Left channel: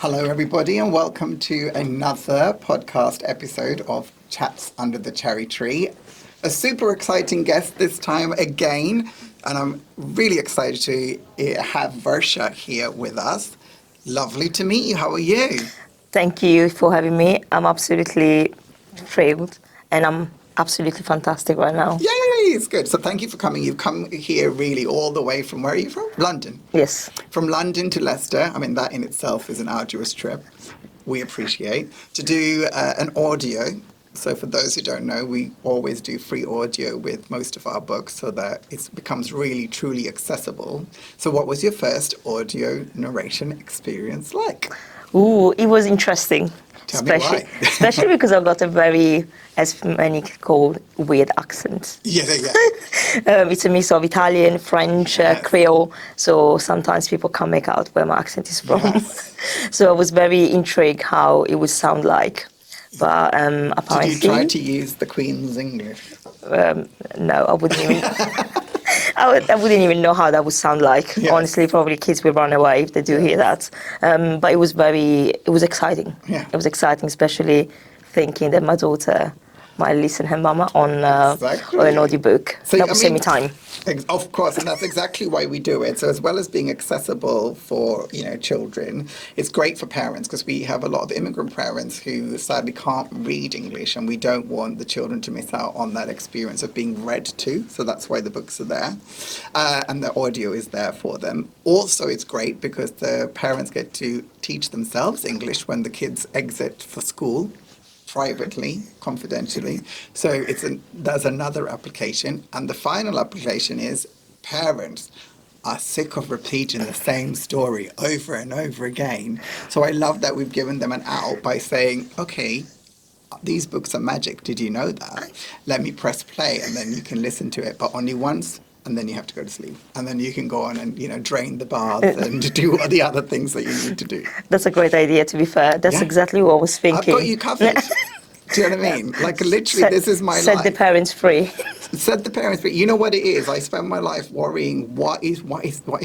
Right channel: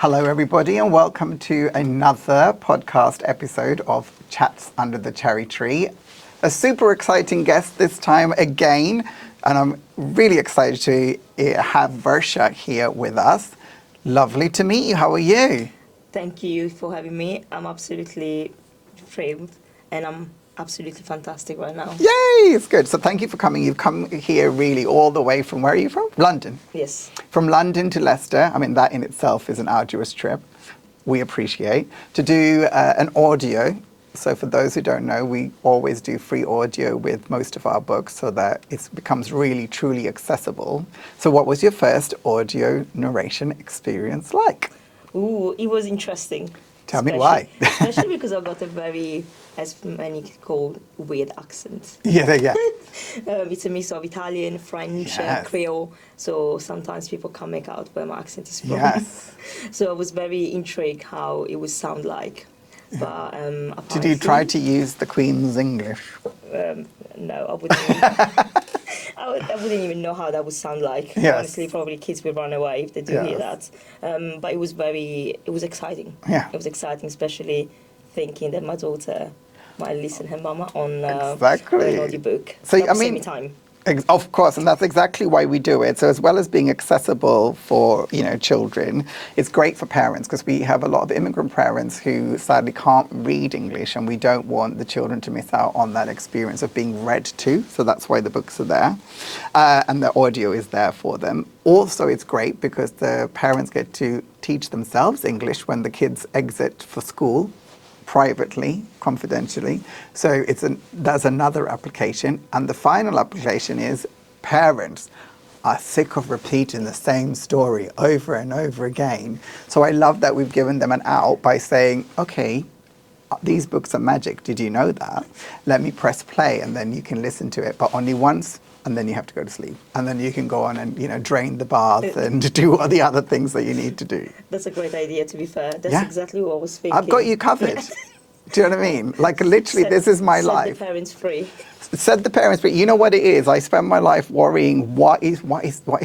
Hello, everybody, and welcome to another podcast episode of Chats Under the Cherry Tree. A super exciting guest this time again, and I'm really excited to have Varsha here with us. Lovely to meet you. How are you? Thank you for having me. I'm absolutely thrilled, and I'm absolutely fantastic right now. Yay, it's good. So thank you for coming. You've come here really all the way from, where are you from? London. Yes. From London to Leicester. I mean, that in itself is an arduous trip. We appreciate. To do an audio. So for those who don't know, we always do free audio with most of our books so that it becomes really, truly accessible. So what was your first audio narration experience like? Ooh, it was interesting. Tell me why. Especially because I've got a very, as many call, weird accent. Yeah. It's a mix of Italian, French, Yes. Creole, so sometimes people can't make out where my accent is from. Yes. So I was very intrigued how it would sound like. But apparently... Did you try to use the Queen's English? No, I wouldn't even... I wouldn't even know how that would sound like. Yes. Honestly, probably kids will run away if they do hear that. But it was exciting. Yeah. It was exciting, especially thinking that my daughter might listen her mama on an audiobook. So, that would save me time. Of course, and that's exactly why we do it. So as well as being accessible for, children, it's great for parents because we have a lot of immigrant parents who sadly can't read English, and we don't want the children to miss out on that experience of being read to. So that's why the books are there, and the audio is there for them. Also, it's great because the parents get to teach themselves English when the kids exit for school, privately, confidentially. So there's another application. And the final application is parents are sick of repeating the same story over and over again. So I love that we've given them an out by saying, okay, these books are magic. Did you know that? Let me press play and then you can listen to it, but only once. And then you have to go to sleep. And then you can go on and, drain the bath and do all the other things that you need to do. That's a great idea, to be fair. That's exactly what I was thinking. I've got you covered. Do you know what I mean? Like, literally, this is my life. Set the parents free. Set the parents free. You know what it is? I spend my life worrying, what is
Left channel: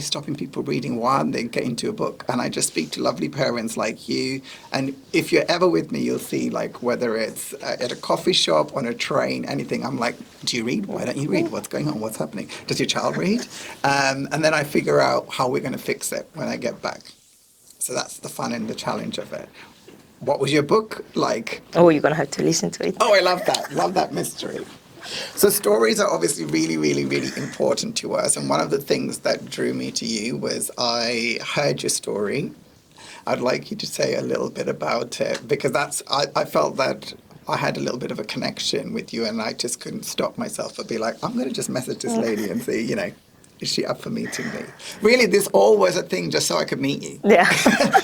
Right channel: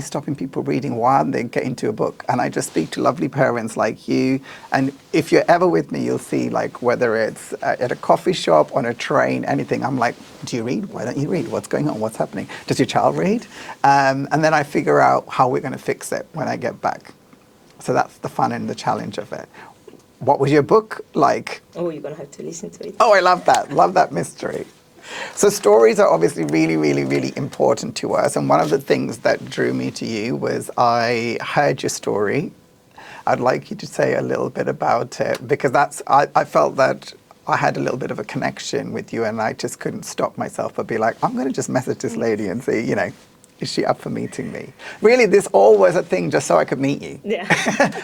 stopping people reading? Why aren't they getting to a book? And I just speak to lovely parents like you. And if you're ever with me, you'll see, like, whether it's at a coffee shop, on a train, anything, I'm like, do you read? Why don't you read? What's going on? What's happening? Does your child read? And then I figure out how we're going to fix it when I get back. So that's the fun and the challenge of it. What was your book like? Oh, you're going to have to listen to it. Oh, I love that. Love that mystery. So stories are obviously really, really, really important to us. And one of the things that drew me to you was I heard your story. I'd like you to say a little bit about it because I felt that I had a little bit of a connection with you and I just couldn't stop myself but be like, I'm going to just message this lady and see, is she up for meeting me? Really, this all was a thing just so I could meet you. Yeah.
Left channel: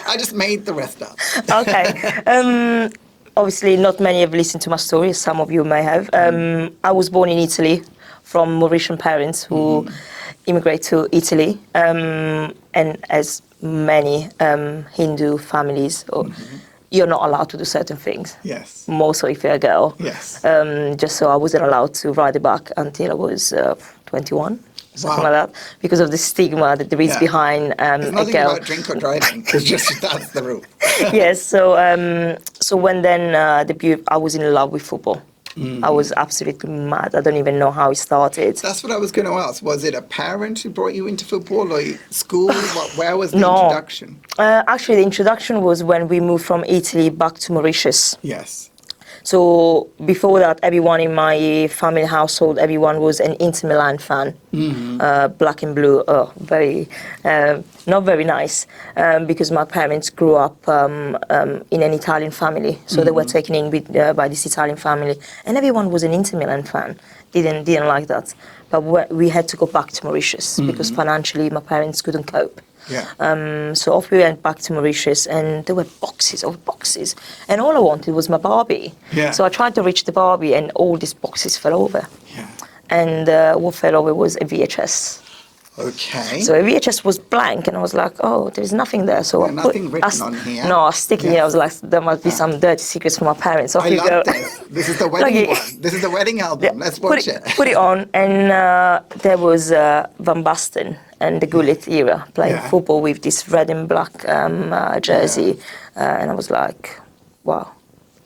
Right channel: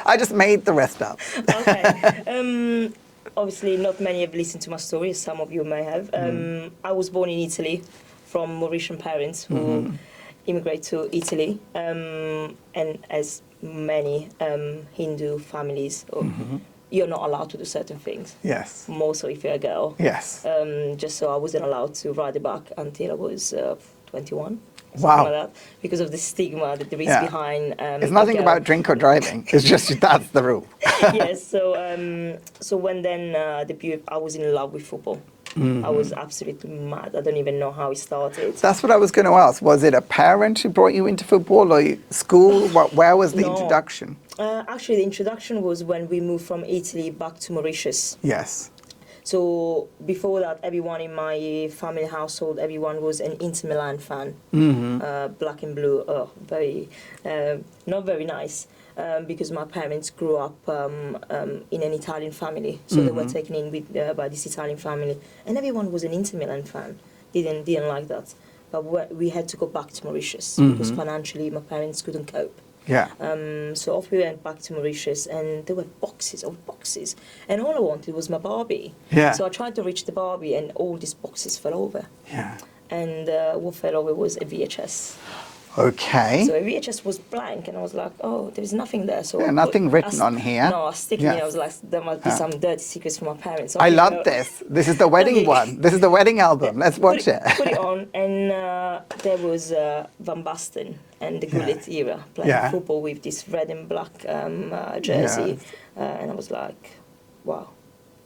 I just made the rest up. Okay. Obviously, not many have listened to my story. Some of you may have. I was born in Italy from Mauritian parents who immigrated to Italy. And as many Hindu families, you're not allowed to do certain things. Yes. More so if you're a girl. Yes. Just so I wasn't allowed to ride a bike until I was 21. Something like that, because of the stigma that there is behind it's nothing about drink or driving. It's just that's the rule. Yes. So when I was in love with football. I was absolutely mad. I don't even know how it started. That's what I was going to ask. Was it a parent who brought you into football or school? Where was the introduction? Actually, the introduction was when we moved from Italy back to Mauritius. Yes. So before that, everyone in my family household, everyone was an Inter Milan fan. Black and blue, not very nice, because my parents grew up in an Italian family. So they were taken in by this Italian family. And everyone was an Inter Milan fan. Didn't like that. But we had to go back to Mauritius because financially my parents couldn't cope. Yeah. So off we went back to Mauritius, and there were boxes of boxes, and all I wanted was my Barbie. Yeah. So I tried to reach the Barbie, and all these boxes fell over. Yeah. And what fell over was a VHS. Okay. So a VHS was blank, and I was like, oh, there's nothing there. So Yeah, nothing written on here. No, I was sticking it. I was like, there must be some dirty secrets from my parents. Off I you love go. this. This is the wedding one. This is the wedding album. Let's watch it. Put it on, and there was Van Basten and the Gullit era playing football with this red and black jersey, and I was like, wow,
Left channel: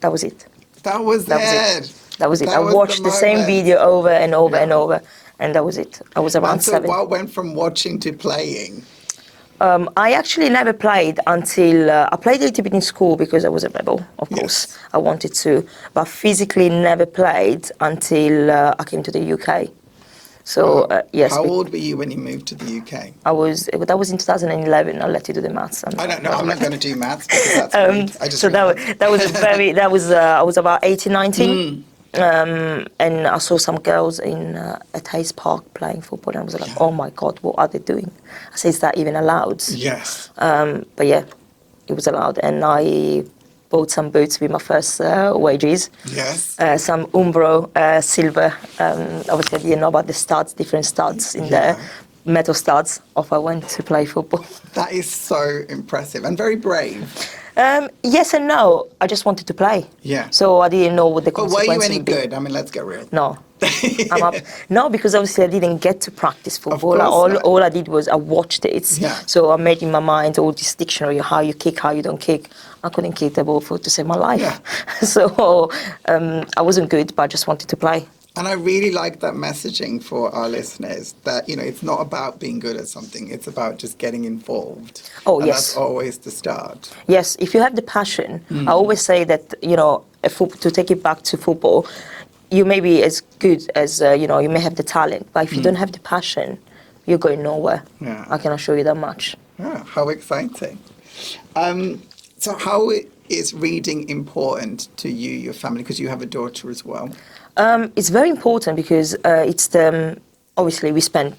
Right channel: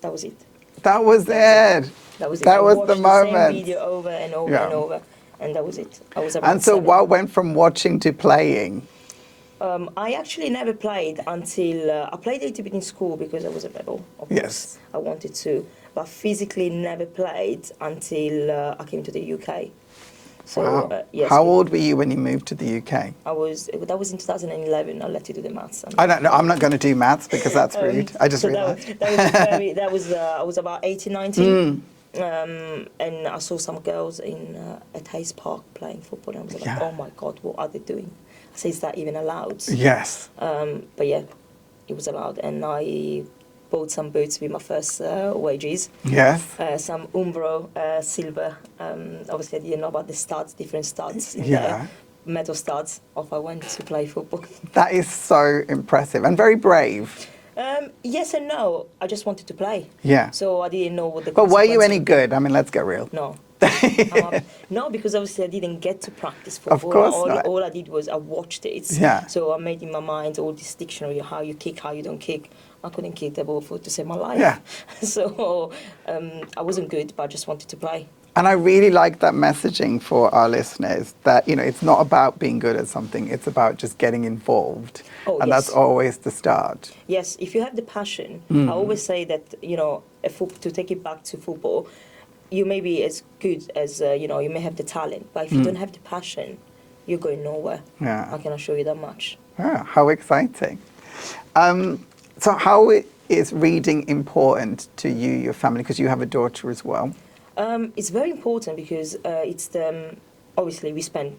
that was it. That was it. That was it. I watched the same video over and over and over, and that was it. I was around 7. And so what went from watching to playing? I actually never played until I played a little bit in school because I was a rebel, of course. I wanted to, but physically never played until I came to the UK. So yes. How old were you when you moved to the UK? That was in 2011. I'll let you do the maths. I don't know. I'm not going to do maths because that's rude. I just so that was I was about 18, 19. And I saw some girls at Hayes Park playing football, and I was like, oh my God, what are they doing? I said, is that even allowed? Yes. But yeah, it was allowed, and I bought some boots with my first wages. Yes. Some Umbro silver. Obviously, I didn't know about the studs, different studs in there. Metal studs. Off I went to play football. That is so impressive and very brave. Yes and no. I just wanted to play. Yeah. So I didn't know what the consequences But were you any would be. good? I mean, let's get real. No. No, because obviously I didn't get to practice football. Of course not. All I did was I watched it. Yeah. So I made in my mind all this dictionary, how you kick, how you don't kick. I couldn't kick the ball to save my life. Yeah. So I wasn't good, but I just wanted to play. And I really like that messaging for our listeners that, it's not about being good at something, it's about just getting involved. Oh, and yes. that's always the start. Yes, if you have the passion, I always say that, to take it back to football, you may be as good as, you may have the talent, but if you don't have the passion, you're going nowhere. Yeah. I can assure you that much. Yeah, how exciting. So how is reading important to you, your family, because you have a daughter as well? It's very important because obviously we spend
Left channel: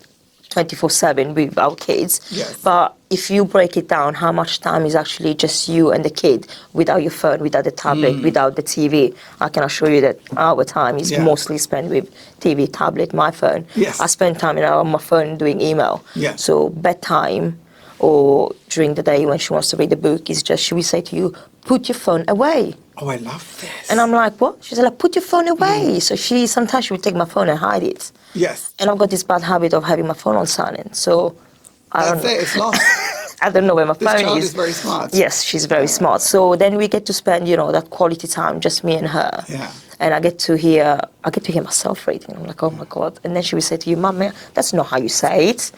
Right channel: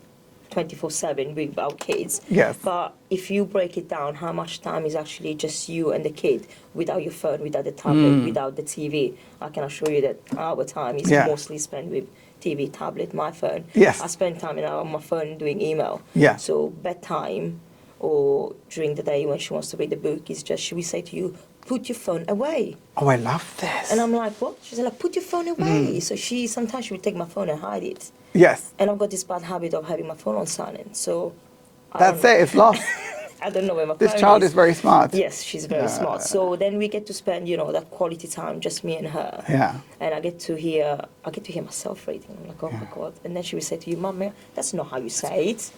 24/7 with our kids. Yes. But if you break it down, how much time is actually just you and the kid without your phone, without the tablet, without the TV, I can assure you that our time is mostly spent with TV, tablet, my phone. Yes. I spend time on my phone doing email. Yeah. So bedtime or during the day when she wants to read a book is just, she will say to you, put your phone away. Oh, I love this. And I'm like, what? She's like, put your phone away. So sometimes she would take my phone and hide it. Yes. And I've got this bad habit of having my phone on silent. So That's it, it's lost. I don't know where my phone is. This child is very smart. Yes, she's very smart. So then we get to spend, that quality time, just me and her. Yeah. And I get to hear myself reading. I'm like, oh my God. And then she would say to you, Mum, that's not how you say it.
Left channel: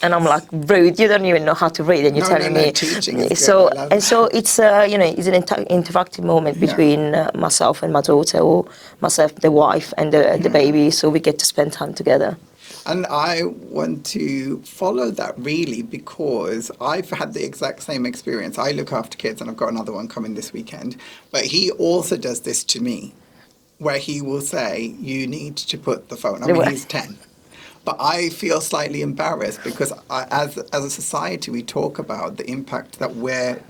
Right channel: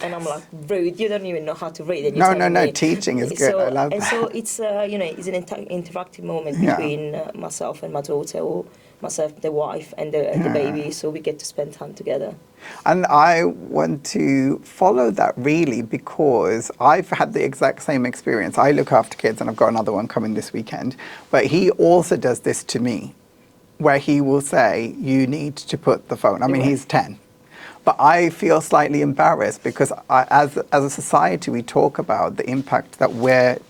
And I'm like, rude, you don't even know how to read, and you're telling me. Teaching is good. So, I love and that. so it's, it's an interactive moment between myself and my daughter, or myself, the wife, and the baby. So we get to spend time together. And I want to follow that really because I've had the exact same experience. I look after kids and I've got another one coming this weekend. But he also does this to me where he will say, you need to put the phone. I mean, he's 10. But I feel slightly embarrassed because as a society, we talk about the impact that we're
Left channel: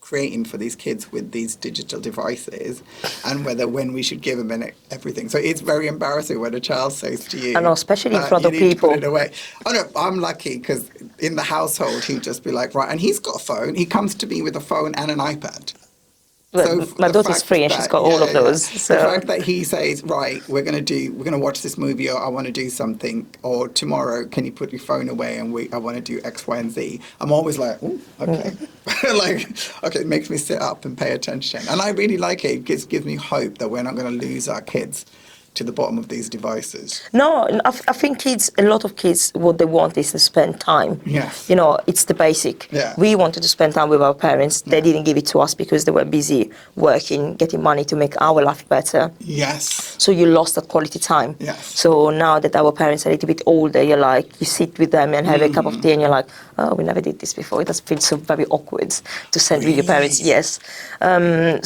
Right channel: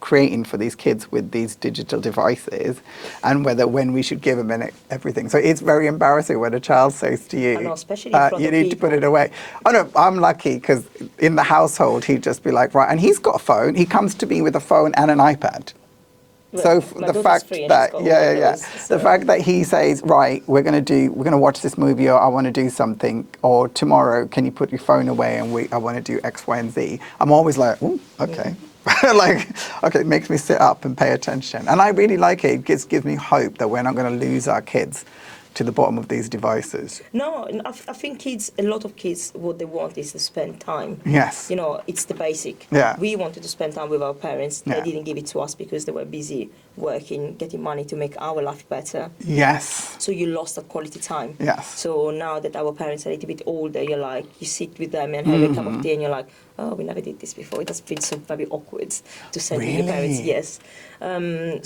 creating for these kids with these digital devices and when we should give them everything. So it's very embarrassing when a child says to you, I know, especially in front of you need people. to put it away. Oh no, I'm lucky because in the household he'd just be like, right, and he's got a phone. He comes to me with a phone and an iPad. So my daughter's free and she's got all of those. So. The fact that he says, right, we're going to watch this movie, or I want to do something, or tomorrow, can you put your phone away and I want to do X, Y, and Z. I'm always like, oh, okay. Okay, it makes me sit up and pay attention. And I really like it. It gives me hope that we're not going to lose our kids to the bottom of these devices. No, I think a lot of kids, what they want is to spend time. Yes. It's the basic. Yeah. We wanted to spend time with our parents. They Yeah. didn't give it to us because they were busy working, getting money to make our life better. Yes. So you lost that quality time. Yes. So now that our parents are a little bit older, you're like, you sit with them and have a cup of tea and you're like, oh, we never did this before. It does feel so very awkward to spend with your parents. Really? Yes.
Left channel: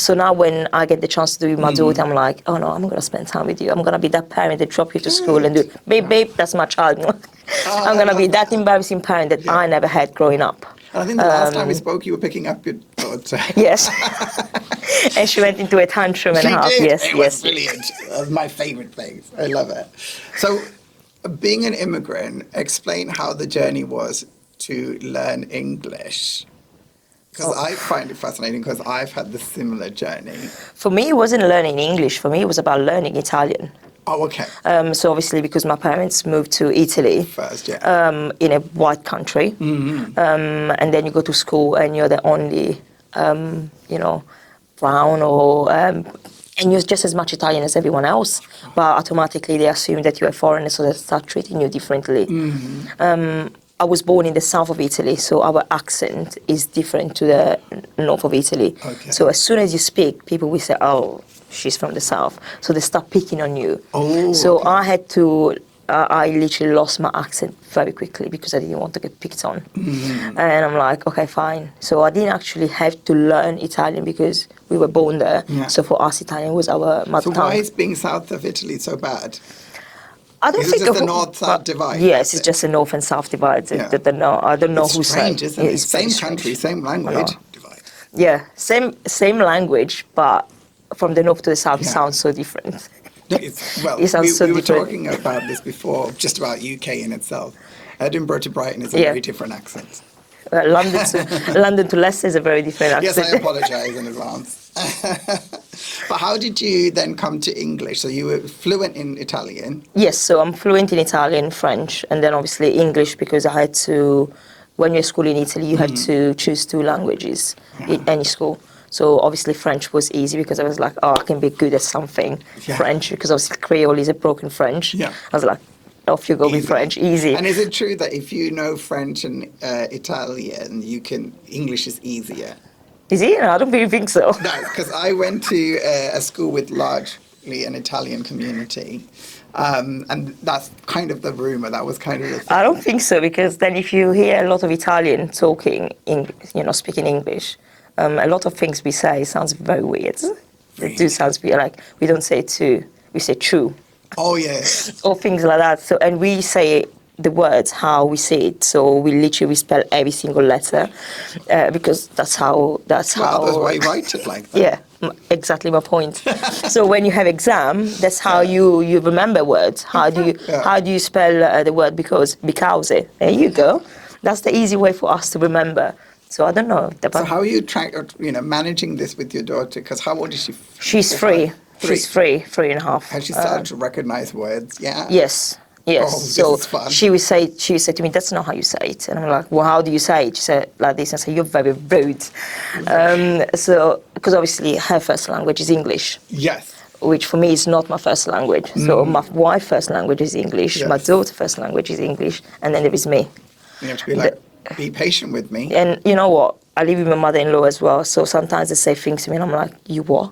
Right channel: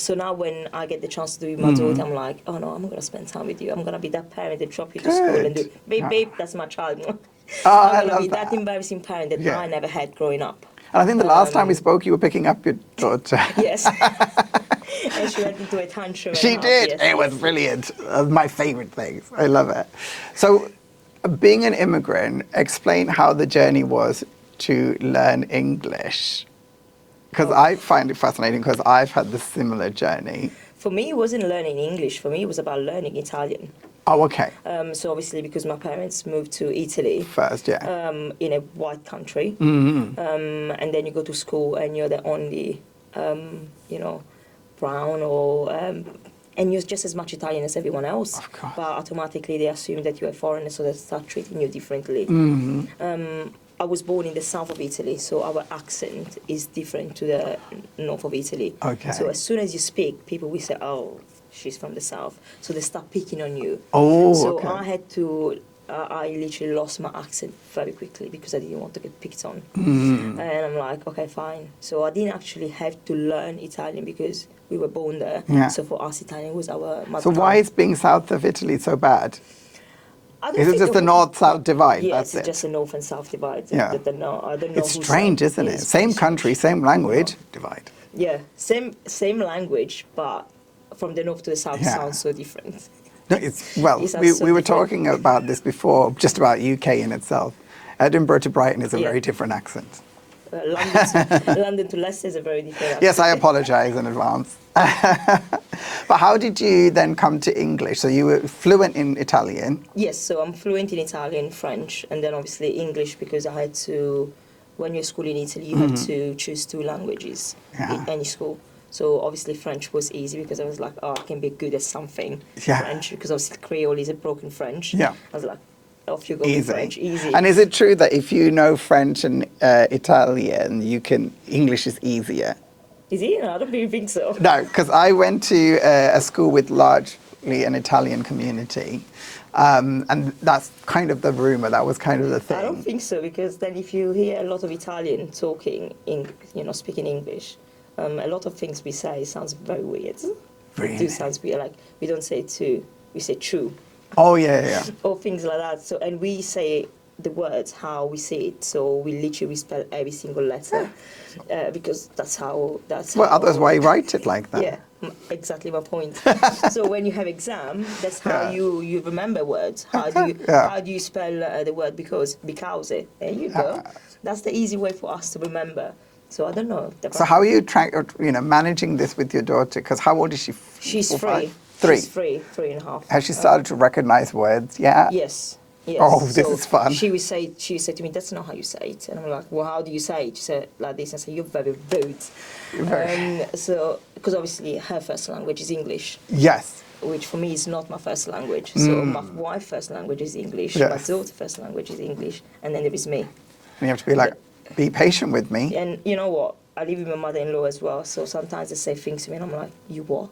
So now when I get the chance to do it with my daughter, I'm like, oh no, I'm going to spend time with you. I'm going to be that parent that drop you to school and do, babe, that's my child. I'm going to be that embarrassing parent that I never had growing up. And I think the last time we spoke, you were picking up your daughter. Yes. And she went into a tantrum and a half. She did. Yes, it was brilliant. It was my favourite things. I love it. So being an immigrant, explain how the journey was to learn English. Because I find it fascinating because I've had the similar journey. For me, it wasn't learning English. For me, it was about learning Italian. Oh, okay. So obviously, because my parents moved to Italy First, yeah. in a white country, and then you go to school and you're the only, brown or, and you're just as much Italian as everyone else, but automatically they assume that you're a foreigner, so they start treating you differently. I was born in the south of Italy, so our accent is different to the north of Italy. Okay. So as soon as you speak, people will say, "Oh, she's from the south," so they start picking on you. Oh, so okay. I had to. I literally lost my accent very quickly because I didn't want to get picked on. And I'm like, okay, fine. So I didn't actually have to learn Italian because we were born there. Yeah. So for us, Italian was our mother So tongue. why is being south of Italy so bad? I don't Is it think just the north-south divide? Yes, That's it's it? just a north and south divide. Yeah. I don't know It's who's strange, saying. isn't it? It's Same very country, strange. same language, I know. divide. Yeah, same language, but from the north to the south, it Yeah. sounds so different. No, it sounds so we were different. talking about this before, just about UK in itself. Edinburgh to Brighton is a Yeah. very different accent. London to Leicester is a very different accent. Yes, I apologise in advance. But how did you then come to English? So you were fluent in Italian. Yes, so I'm fluent in Italian, French, and then obviously English because I had to, when you're at school in Italy, you had to choose 2 languages in any school. So obviously French was easy because I was like, oh, I can be good at something. Yeah. French, because obviously Creole is a broken French. Yeah. I was like, off you go with Easy. French, easy. And is it true that if you know French and Italian, English is easier? Is it? No, I don't really think so. No, because I went to a school with largely an Italian community. And that's kind of the rumour, that was kind of the thing. I don't think so, because then if you hear a lot of Italian talking, speaking English, a lot of things we say sounds very weird. Really? It do sounds weird, like we don't say to, we say true. Oh, yeah, yeah. Or things like that. So, and we say the words how we say it. So we literally spell every single letter because that's how. Well, otherwise why write it like that? Yeah, exactly my point. So when you have exam, that's how you remember words. How do you spell the word because there you go. That's the easy way for us to remember. So I don't know. So how are you managing this with your daughter? Because how old is she? She's 3. 3. She's 3.5. Has she started to recognize words? Yeah. Yes. Oh, this is fun. She would say to me, "That's not how you say it." And I'm like, "Well, how do you say it?" She said like this, and I said, "You're very rude." So, because obviously her first language is English. Yes. Which for me is not my first language. So my wife's first language is English. Yes. My daughter's first language is English, and then there is me. You have to be like, be patient with me. And you know what? I live with my mother-in-law as well. So sometimes they say things to me, and I'm like, "You what?"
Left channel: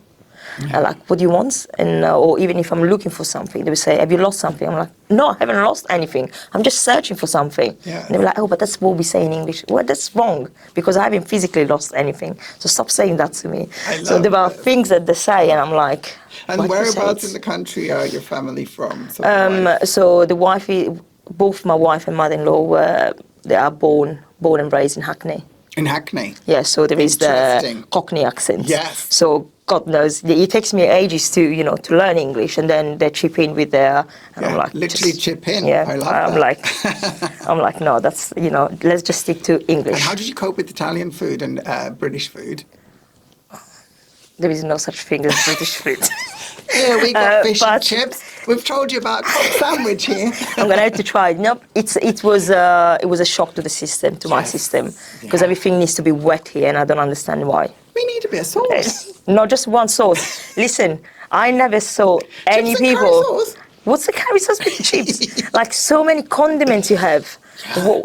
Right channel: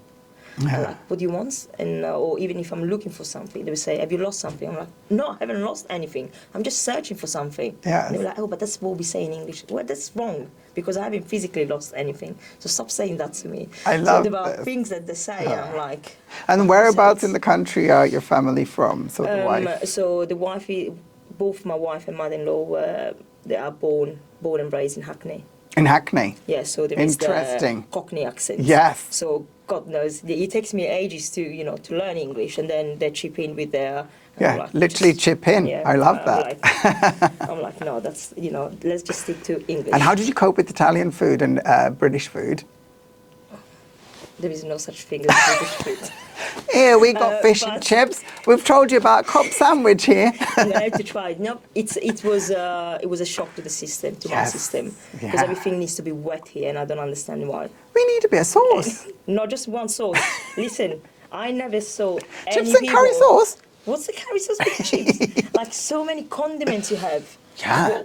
I'm like, "What do you want?" And or even if I'm looking for something, they will say, "Have you lost something?" I'm like, "No, I haven't lost anything. I'm just searching for something." Yeah. And they were like, "Oh, but that's what we say in English." Well, that's wrong because I haven't physically lost anything. So stop saying that to me. So there are things that they say, and I'm like. And "Why do you whereabouts say in it?" the country are your family from? So the wife, both my wife and mother-in-law they are born and raised in Hackney. In Hackney? Yeah, so there is the Interesting. Cockney accent. Yes. So God knows, it takes me ages to learn English, and then they chip in with their. And Yeah, I'm like, literally chip in. Yeah, I love that. I'm like, no, that's let's just stick to English. And how did you cope with Italian food and British food? There is no such thing as British food. Here we got fish and chips. We've told you about Cobb sandwich here. I'm gonna have to try it. No, it was a shock to the system, to my system, because everything needs to be wet here, and I don't understand why. We need a bit of sauce. Not just one sauce. Listen, I never saw any Chips and people. curry sauce? What's the curry sauce with chips? Like so many condiments you have. Yeah.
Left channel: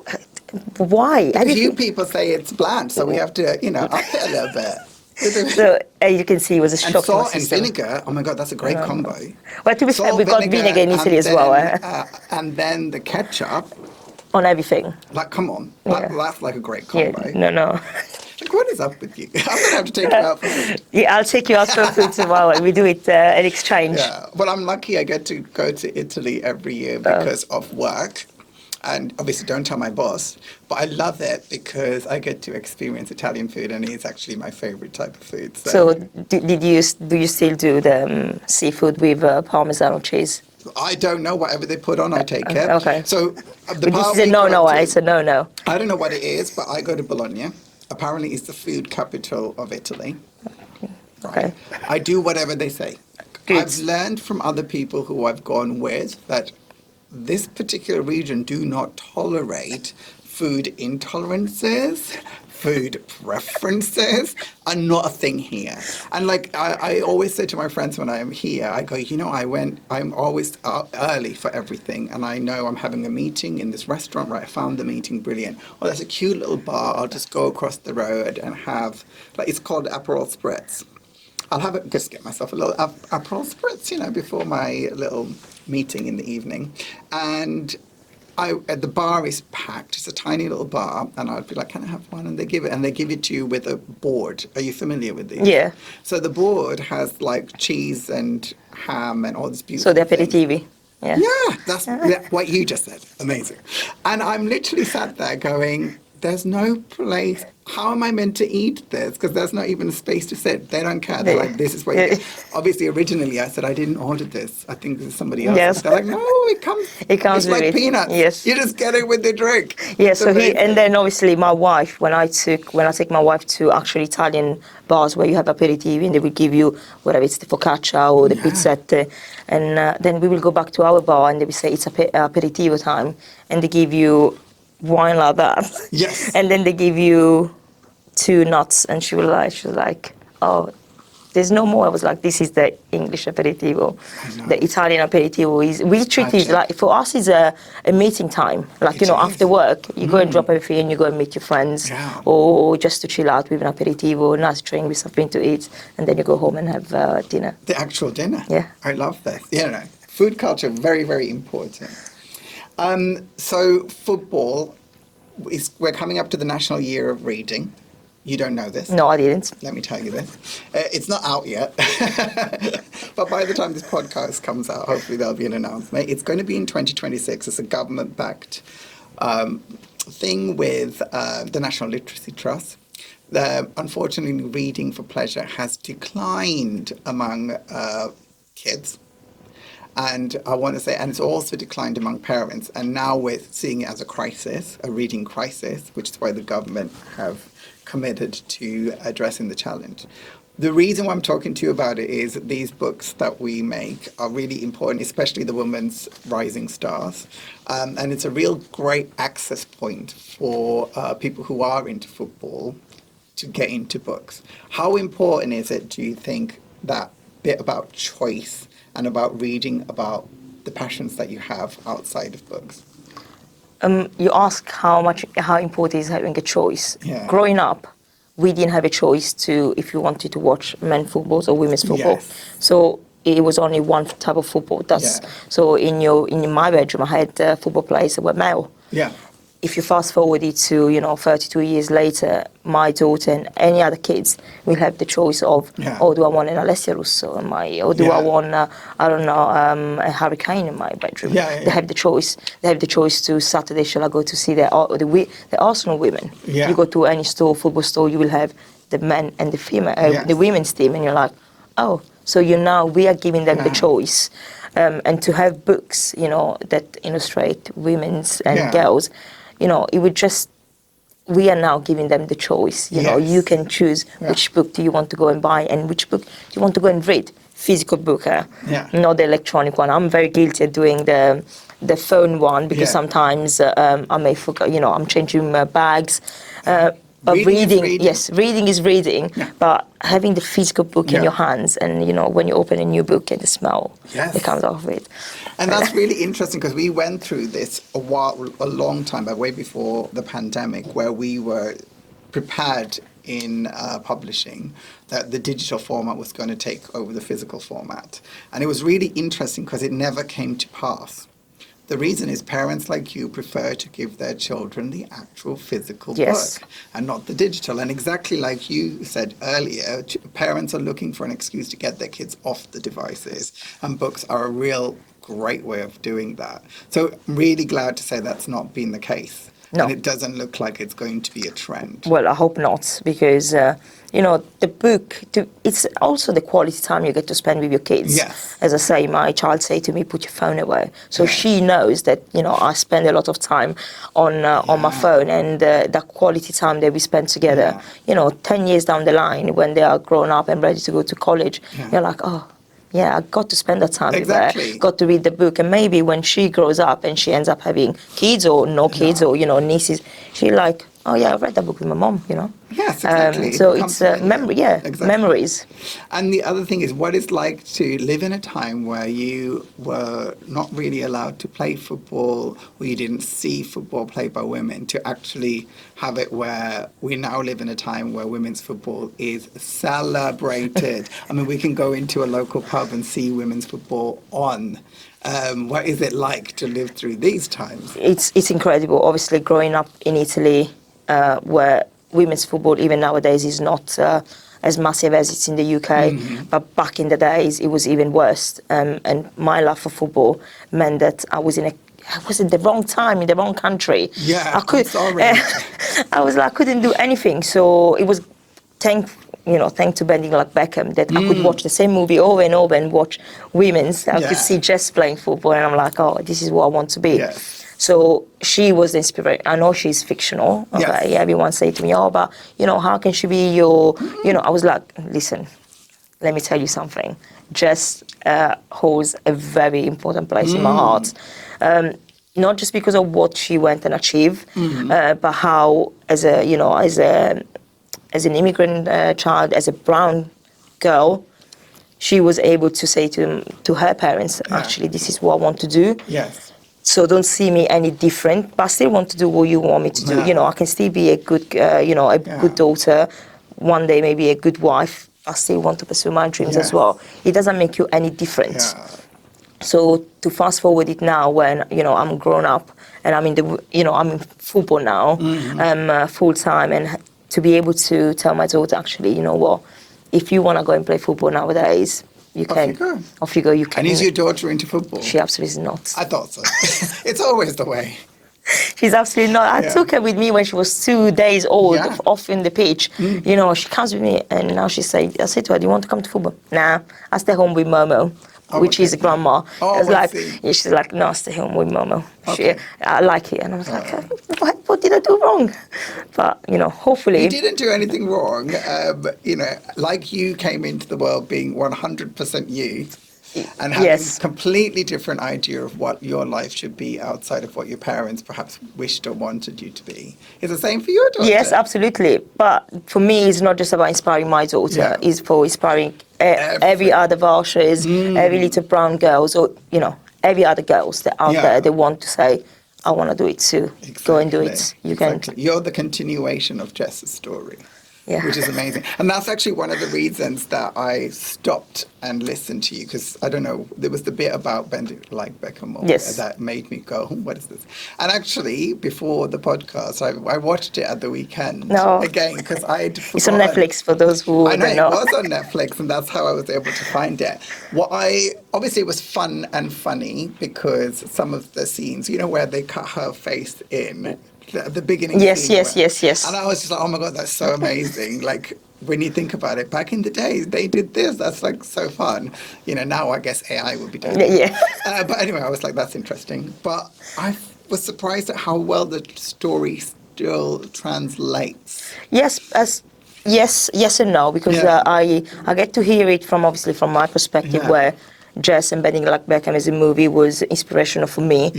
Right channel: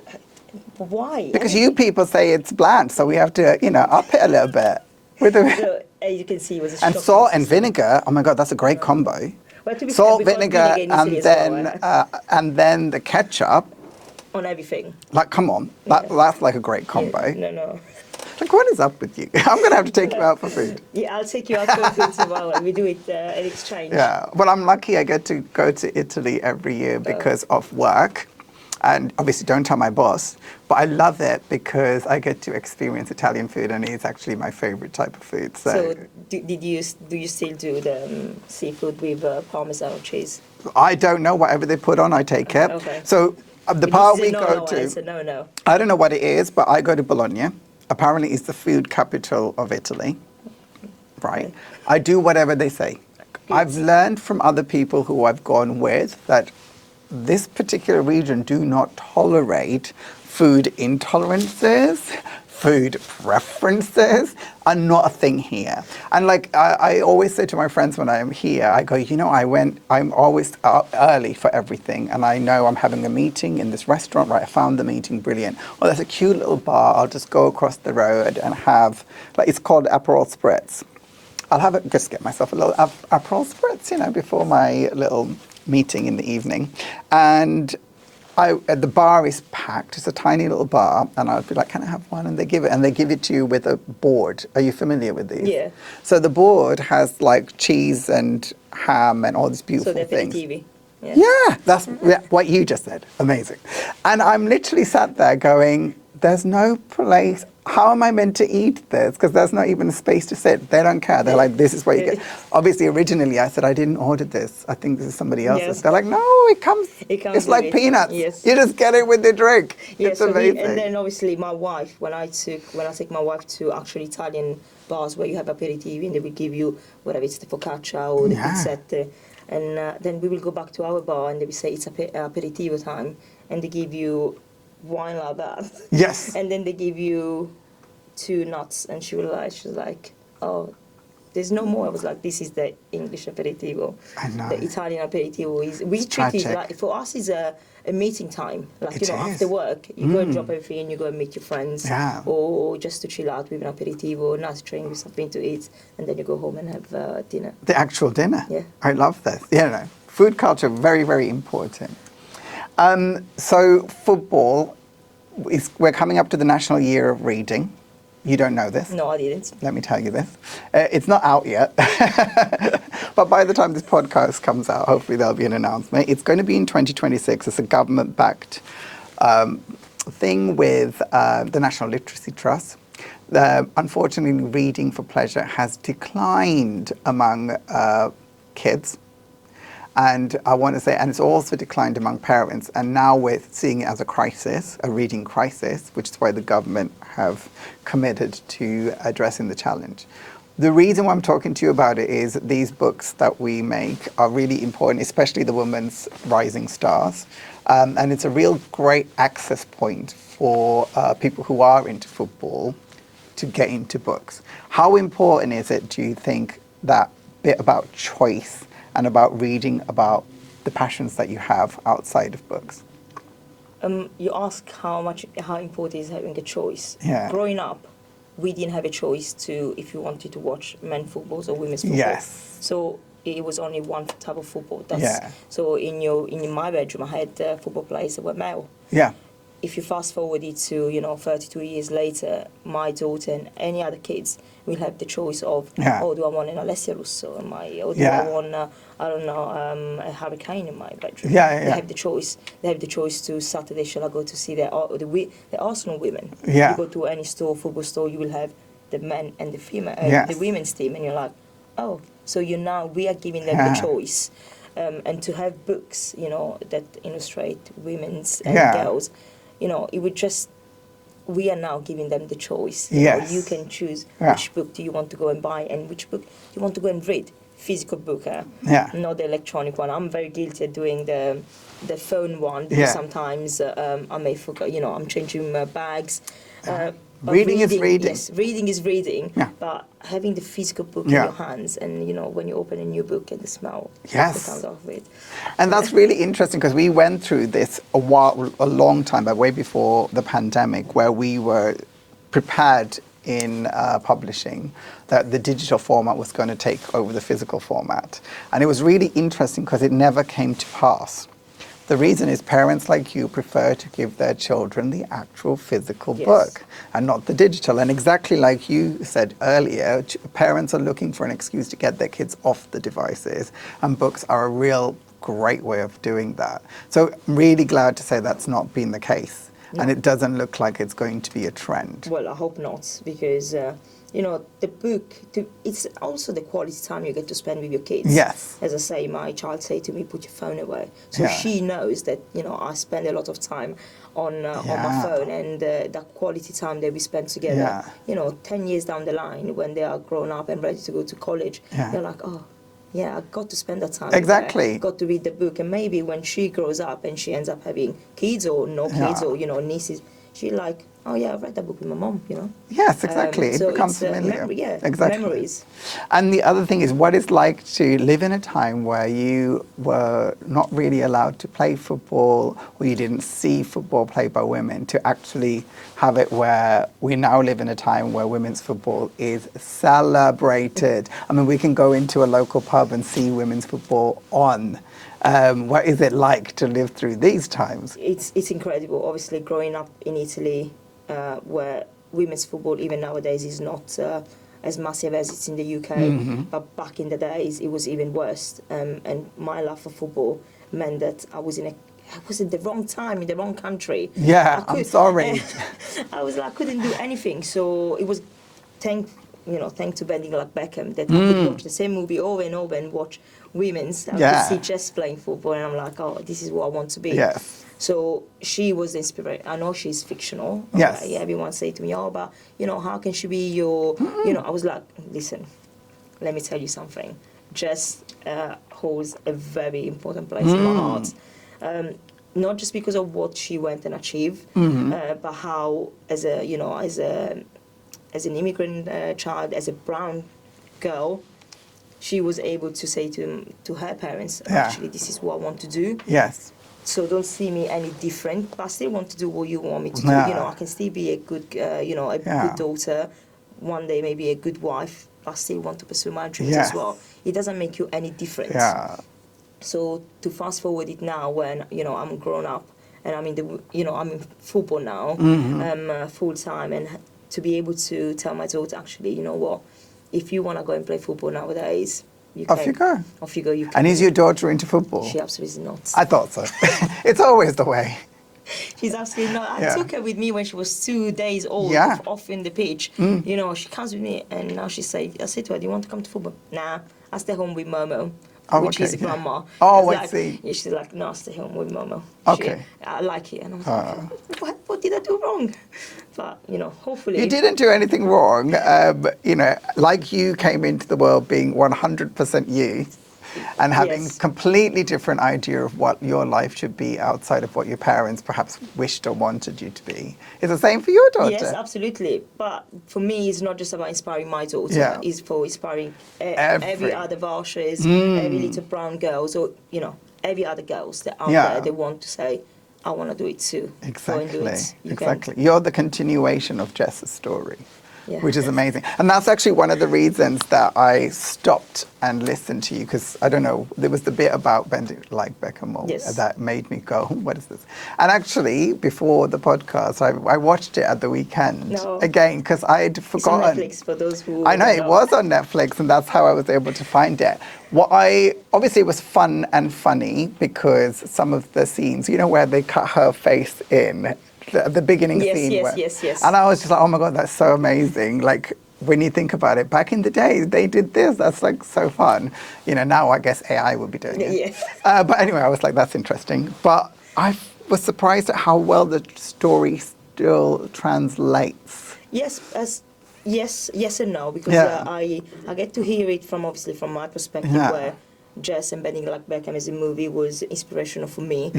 Why? Because you people say it's bland, so we have to, up it a little bit. So as you can see, it was a shock. And to my salt and system. vinegar. Oh my God, that's a great combo. Well, to be fair, we've got vinegar in Italy as well. And then the ketchup. On everything. Like, come on, that's like a great combo. Yeah, no. Like, what is up with you? I'm gonna have to take you out for food. Yeah, I'll take you out for food tomorrow. We do it in exchange. Yeah, well, I'm lucky I get to go to Italy every year because of work. And obviously, don't tell my boss, but I love it because I get to experience Italian food, and it's actually my favorite type of food. So do you still do the seafood with Parmesan cheese? I don't know. Whatever they put on, I take it. Okay. So the But bar this is we a go no-no. to- It's a no-no. I don't know what it is, but I go to Bologna. Apparently, it's the food capital of Italy. Right. Okay. I do whatever they say. Good. I've learned from other people who I've gone with that this particular region do not tolerate food intolerances, food preferences are not a thing here. And like I always say to my friends when I'm here, I go, I'm always up early for everything, and I know I'm having a meeting in this restaurant, right? I found the meeting brilliant. Oh, there's a cute little bar, I'll just go across the road and have, like, it's called Aperol Spritz. I'll have it, just get myself a little Aperol Spritz, before my little meeting in the evening. And the bar is packed. It's a tiny little bar, and I'd be like, "Can I have one?" And they give it to you with a board. Are you familiar with these? Yeah. So the board has like cheese and ham and all this beautiful. So the things. aperitivi. Yeah. Yeah, that's what you just said. Amazing. And I'm literally sat there going, "There's no place. How am I meant to eat this? Because there's not even a space to sit." They don't care. They're like, "This is what you get." Obviously, originally I said, "I didn't order this. I think this is somebody else's." Yes. They're like, "No, it comes. It comes It's with like it. peanuts. Yes. You just get it with the drink." Yeah, It's so amazing. and then obviously my wife, when I take my wife to actually Italian bars where you have aperitivi and they will give you whatever it's the focaccia or the Yeah. pizzette, and then we will go back to our bar and they will say it's aperitivo time, and they give you wine like that. Yes. And then they give you 2 nuts, and she was like, "Oh, there's no more." I was like, "This is the English aperitivo." I know. The Italian aperitivo is, we treat it Tragic. like, for us it's a meeting time. Like, It after is. work, you go and drop everything and you go and meet your friends. Yeah. Or just to chill out with an aperitivo, nice drink with something to eat, and then you go home and have dinner. The actual dinner. Yeah. I love this. Food culture, very, very important. So football, we're coming up to the National Year of Reading. You don't know this. No, I didn't. Let me tell you this. It's not out yet. But by the time this podcast comes out, hopefully there'll be an announcement. It's going to be in 2026. It's a government-backed thing with the National Literacy Trust. Unfortunately, reading for pleasure has declined among kids. And I want to say, and it's also declined among parents. And now we're seeing it as a crisis, a reading crisis, which is why the government have committed to addressing the challenge. The reason why I'm talking to you about it is that these books that we make are really important, especially the Women's Rising Stars. And it's a real great access point for people who are into football to get into books. How important is it, do you think, that bit about choice and about reading about the passions that you have outside of books? You ask how important is having a choice. Yeah. Growing up, we didn't have a choice if you wanted to watch men's football or women's football. Yes. So it was only one type of football. Yeah. So in my bedroom, I had football players that were male. Yeah. If you fast forward it to 32 years later, my daughter and any other kids will have the choice of, Yeah. do I want an Alessia Russo or do Yeah. I want a Harry Kane in my bedroom? Yeah. They have the choice. They have the choice to Saturday. Shall I go to see the Arsenal women? Yeah. You go to any store, football store, you will have the men and the female, Yes. the women's team, and you're like, oh, so we are giving them Yeah. the choice. And to have books, that illustrate women's and Yeah. girls. It would just, we are now giving them the choice. Yes. You can choose Yeah. which book do you want to go and buy and which book do you want to go and read. Physical book, Yeah. not the electronic one. I'm very guilty at doing the phone one because Yeah. sometimes I may forget, I'm changing my bags. But Reading is reading. yes, reading is reading, Yeah. but having the physical book Yeah. in your hands and, when you open a new book and the smell Yes. that comes off it. And that's really interesting because we went through this a long time back, way before the pandemic, where we were prepared in publishing that the digital format was going to take over the physical format. And it was really interesting because it never came to pass. The reason is parents like you prefer to give their children the actual physical Yes. book and not the digital. And exactly like you said earlier, parents are looking for an excuse to get their kids off the devices, and books are a real great way of doing that. So I'm really glad to say that's not been the case. No. And it doesn't look like it's going to be a trend. Well, I hope not, because the book. It's also the quality time you get to spend with your kids. Yes. As I say, my child say to me, "Put your phone away." So Yeah. she knows that I spend a lot of time on my Yeah. phone, and that quality time that we spend together. 10 years down the line, when they are grown up and ready to go to college, Yeah. you're like, oh. Yeah, I got to spend that time Exactly. with her, got to read the book, and maybe when she grows up and she ends up having kids or no kids Yeah. or nieces, she like, oh yeah, I read that book with my mom, Yes, exactly. So becomes it's familiar. memory, yeah, Exactly. memories. And the other thing is what it's like to live in a time where you were not really allowed to play football, or you didn't see football played by women, to actually have it where we now live in a time where women's football is celebrated. I mean, we can go into a local pub and see women's football on. What is it like to live through these times? It's incredible. Obviously, growing up in Italy, where women's football even nowadays is not as massive as it's in the UK, but back in the days it was even worse. And my love for football meant that I was in the wrong time, in the wrong country. Yeah, I'm sorry. I couldn't do anything. So it was thanks to Bending Like Beckham that I could watch the same movie over and over and watch women's. I could see Jess playing football, and I'm like, oh, this is what I want to be. Yes. So she was the inspiration. I know she's fictional. Okay? Yes. Everyone say to me, oh, but, how can she be your, I was like, listen, let me tell you something. Jess holds a very important place in my heart. Not just because of what she went and achieved, but how, as an immigrant child, as a brown girl, she was able to say to her parents, actually, this is what I want to do. Yes. So don't see me any different, but I still want to do what you want me to do. Yeah. I can still be a good, good daughter, one day maybe a good wife. I still want to pursue my dreams as well. It doesn't make you any different. Yeah. So to fast forward it now, when I'm grown up and I'm I'm in football now, full time, and to be able to tell my daughter, actually, you know what, if you want to go and play football nowadays, you can. Off you go. Off you go. You can. And is your daughter into football? She absolutely is not. I thought so. It's always the way. She's absolutely not. I took her with me when she was 2 days old, off in the pitch. She comes with me, and now I said to her, do you want to come to football? Nah, I stay home with Momo. Which is a grandma. Oh, I see. She's like, no, stay home with Momo. Okay. I like it. And I was like, what did I do wrong? But, hopefully... You didn't do anything wrong. Like you came into the world being 100% you, and having a completely different idea of what your life should be outside of what your parents perhaps wished or wanted you to be. It's the same for your daughter. Yes, absolutely. But for me, it's not just about inspiring my daughter. Yeah. It's for inspiring every other Varsha, every little brown girls, or, every other girls that out there, they want to say, I want to do it too. Exactly. Go and do it. You can. You're the continuation of Jess's story. Yeah. Which is amazing. And that's actually one of the reasons that I stopped and listened to you, because, I don't know, there was the bit about Bending Like Beckham that made me go, what is this? And actually, before the podcast, I watched it at the weekend again, because I had forgotten. It's on Netflix for those who I know, don't know. It was on Netflix, and that's how I was able to find it. Obviously, it was fun and funny, because some of the scenes, where they cut her face in, the beginning scene. Yes. And I was just like, oh my God, that's so amazing. Like, when you think about it, back in the day, they did this. That's like so fun. Now I guess AI would be doing it. Yeah. But anyway, I was like, that's interesting. But I was surprised at how well the story still translates. Yes and no, because I get to hear it from my perspective, where Jess and Bending Like Beckham as a movie was inspirational for me.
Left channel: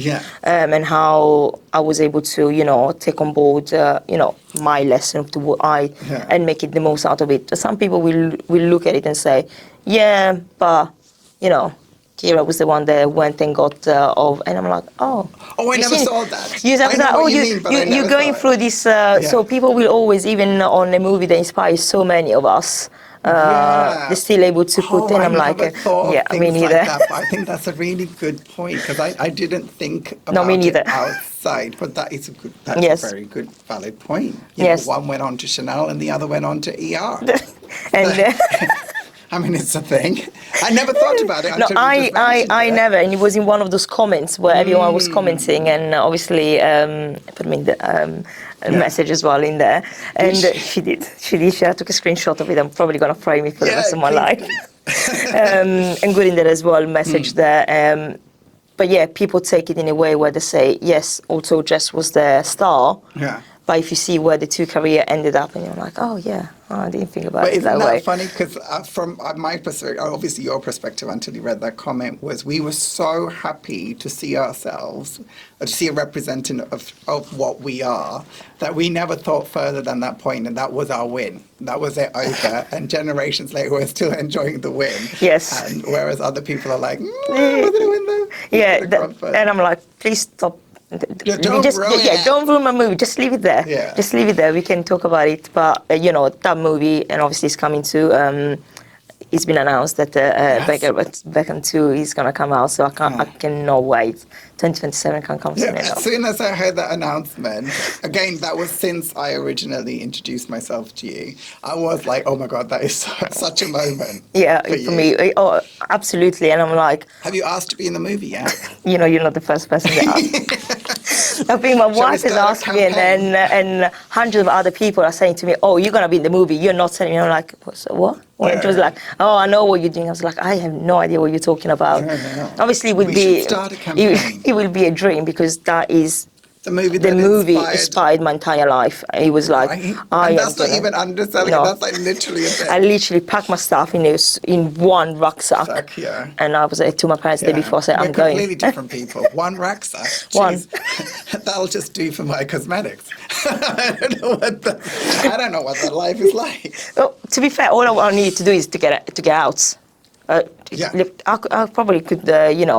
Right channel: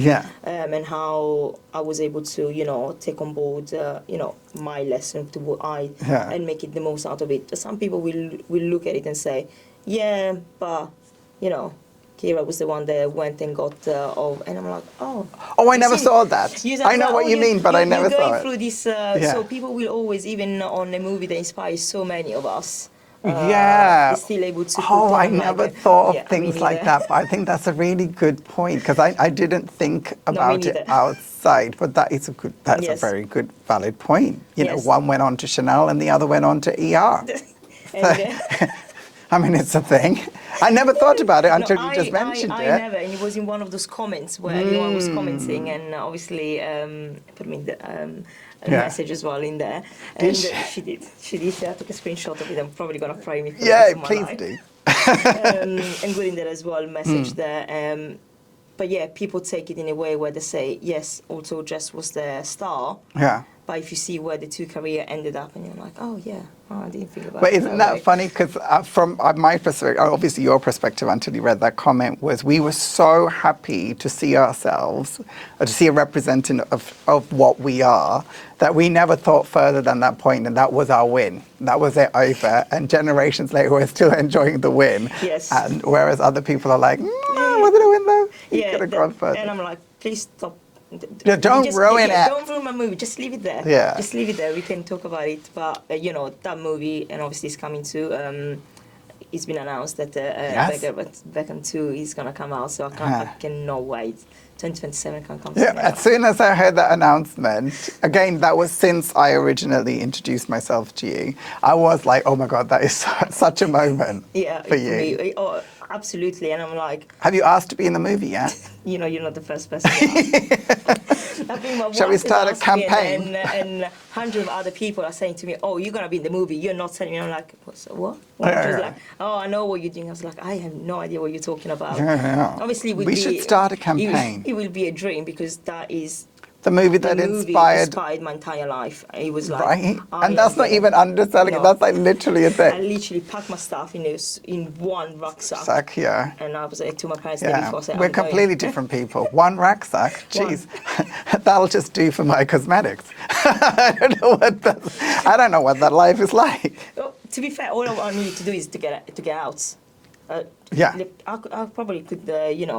And how I was able to, take on board, my lesson to what and make it the most out of it. Some people will look at it and say, yeah, but, Kira was the one that went and got and I'm like, oh. Oh, I never saw that. I know what you mean, but I never You're going saw it. through this, so people will always, even on a movie that inspires so many of us, they're still able to put in. I'm like, thought of things like that, but I think that's a really good point, because I didn't think about it outside, but that's a very good, valid point. One went on to Chanel and the other went on to ER. I mean, it's a thing. I never thought about it until you just mentioned I it. never, and it was in one of those comments where everyone was commenting, and obviously put me in the message as well in there, and she did. She took a screenshot of it. I'm probably gonna frame it for the rest of my life. And good in there as well, message there. But yeah, people take it in a way where they say, yes, also Jess was the star. Yeah. But if you see where the two career ended up, and you're like, oh yeah, I didn't think about But it isn't that way. that funny? Because from my perspective, obviously your perspective until you read that comment was we were so happy to see ourselves, or to see a representative of what we are, that we never thought further than that point, and that was our win. That was it over. And generations later, we're still enjoying the win. Yes. And whereas other people are like, wasn't a win though? Yeah, and I'm like, please stop. Don't ruin it. Don't ruin my movie. Just leave it there. Yeah. Just leave it there. We can talk about it. But that movie, and obviously it's coming to. It's been announced that Beckham 2 is gonna come out, so I cannot wait. 2027 can come soon enough. As soon as I heard that announcement, again, that was since I originally introduced myself to you, I was like, oh my God, that is such a moment. Yeah, for me. Oh, absolutely. And I'm like, have you asked to be in the movie yet? You're not the first person to ask. I think my wife has asked me, and hundreds of other people are saying to me, oh, you're going to be in the movie. You're not telling me. I'm like, so what? When she was like, oh, I know what you're doing. I was like, I have no idea what you're talking about. Yeah. Obviously, we should start a campaign. It will be a dream, because that is the movie inspired my entire life. It was like, right? And that's not even underselling it. That's like literally a bit. I literally packed my stuff in one rucksack. Yeah. And I was to my parents the day before, I said, I'm going. We're completely different people. One rucksack. Jeez. That'll just do for my cosmetics. I don't know what that life is like. Well, to be fair, all I need to do is to get out. I probably could,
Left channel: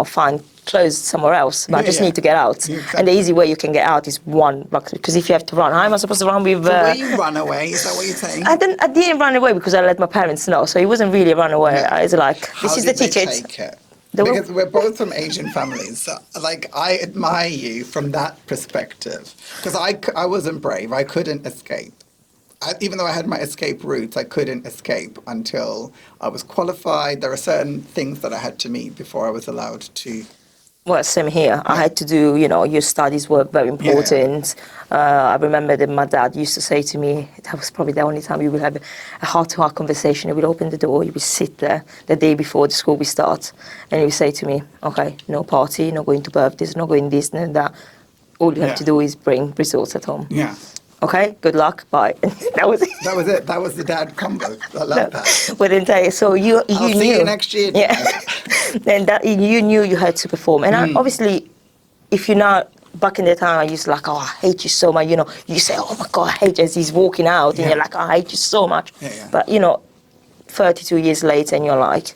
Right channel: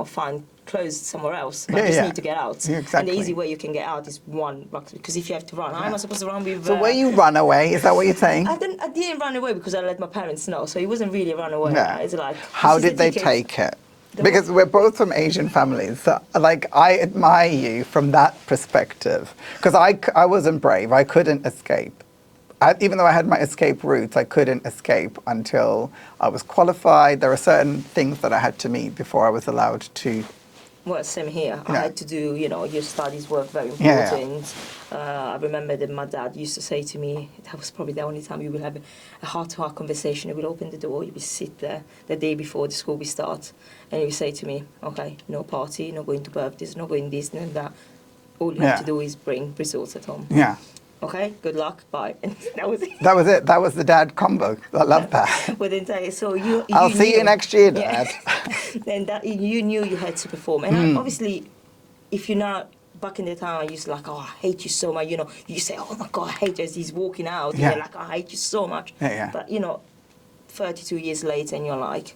find clothes somewhere else, but I just need to get out. Exactly. And the easy way you can get out is one block, because if you have to run, how am I supposed to run with... So where you run away, is that what you're saying? I didn't run away because I let my parents know, so it wasn't really a run away. Yeah. It's like, how this did is the they ticket. take it? Because we're both from Asian families, so like I admire you from that perspective. Because I wasn't brave, I couldn't escape. Even though I had my escape routes, I couldn't escape until I was qualified. There are certain things that I had to meet before I was allowed to. Well, same here. I had to do, your studies were very important. I remember that my dad used to say to me, that was probably the only time we would have a heart-to-heart conversation. He would open the door, he would sit there the day before the school would start, and he would say to me, okay, no party, no going to birthdays, no going this and that. All you have to do is bring results at home. Yeah. Okay, good luck, bye. That was it. That was it. That was the dad combo. I love that. But then, so you I'll knew. see you next year, Dad. Then you knew you had to perform. And obviously, if you're not, back in the time, I used to like, oh, I hate you so much. You say, oh my God, I hate you, as he's walking out. And you're like, oh, I hate you so much. Yeah. But, 32 years later, and you're like,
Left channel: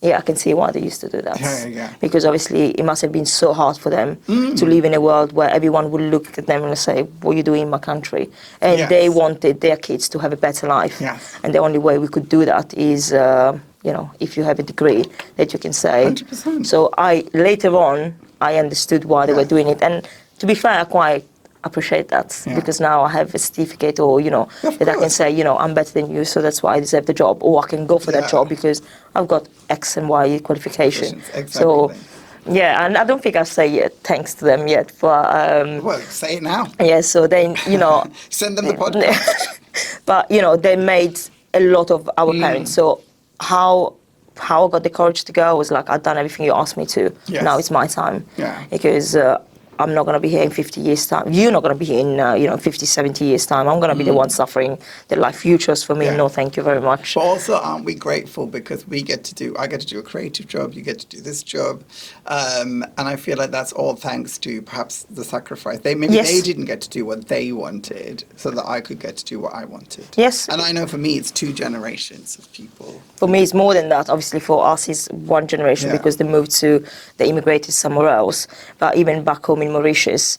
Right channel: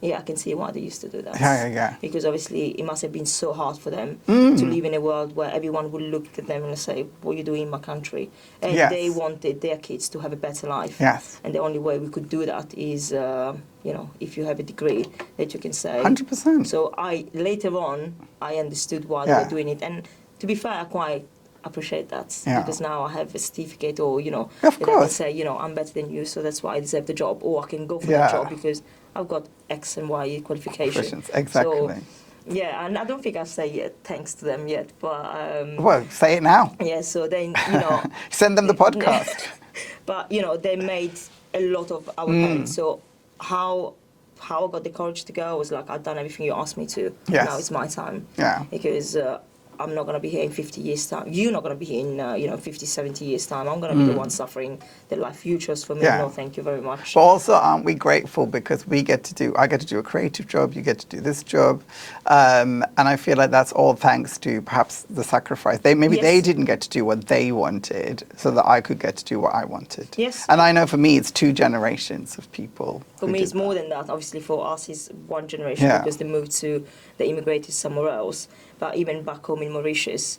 yeah, I can see why they used to do that. Yeah. Because obviously it must have been so hard for them to live in a world where everyone would look at them and say, what are you doing in my country? And they wanted their kids to have a better life. Yes. And the only way we could do that is, if you have a degree that you can say. 100%. So later on, I understood why they were doing it. And to be fair, I quite appreciate that because now I have a certificate or, that I can say, I'm better than you, so that's why I deserve the job. Or I can go for that job because I've got X and Y qualification. Exactly. So, and I don't think I've said thanks to them yet. But, well, say it now. Yeah, so then, Send them the podcast. But, they made a lot of our parents. So how I got the courage to go, I was like, I've done everything you asked me to. Yes. Now it's my time. Yeah. Because I'm not going to be here in 50 years' time. You're not going to be here in, 50, 70 years' time. I'm going to be the one suffering the life you chose for me. Yeah. No, thank you very much. But also, aren't we grateful because I get to do a creative job, you get to do this job. And I feel like that's all thanks to perhaps the sacrifice. They didn't get to do what they wanted so that I could get to do what I wanted. Yes. And I know for me, it's 2 generations of people. For me, it's more than that. Obviously, for us, it's 1 generation because they immigrated somewhere else. But even back home in Mauritius,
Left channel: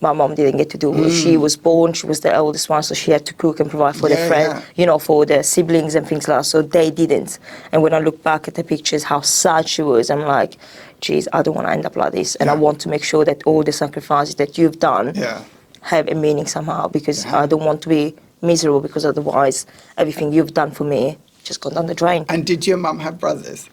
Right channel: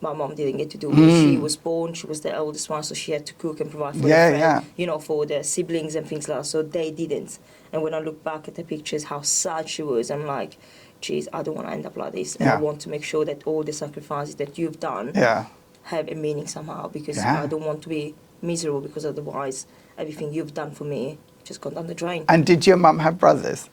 my mom didn't get to do it. She was born, she was the eldest one, so she had to cook and provide for the friend, for the siblings and things like that. So they didn't. And when I look back at the pictures, how sad she was, I'm like, geez, I don't want to end up like this. And I want to make sure that all the sacrifices that you've done have a meaning somehow, because I don't want to be miserable, because otherwise everything you've done for me just gone down the drain. And did your mum have brothers?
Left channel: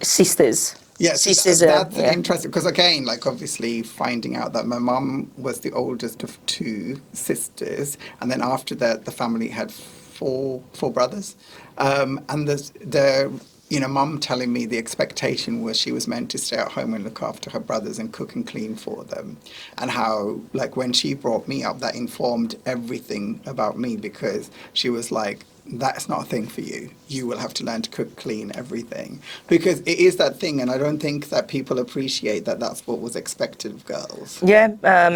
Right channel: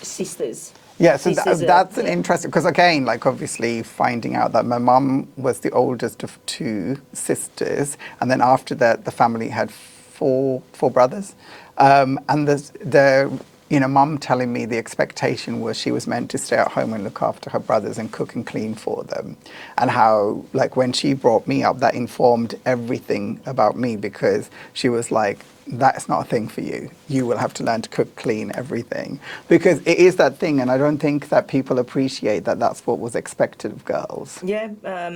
Sisters. Yeah, so Sisters, that's yeah. interesting because again, like obviously finding out that my mum was the oldest of 2 sisters, and then after that the family had four brothers, and the mum telling me the expectation was she was meant to stay at home and look after her brothers and cook and clean for them, and how like when she brought me up, that informed everything about me because she was like, that's not a thing for you. You will have to learn to cook, clean, everything. Because it is that thing, and I don't think that people appreciate that that's what was expected of girls. Yeah,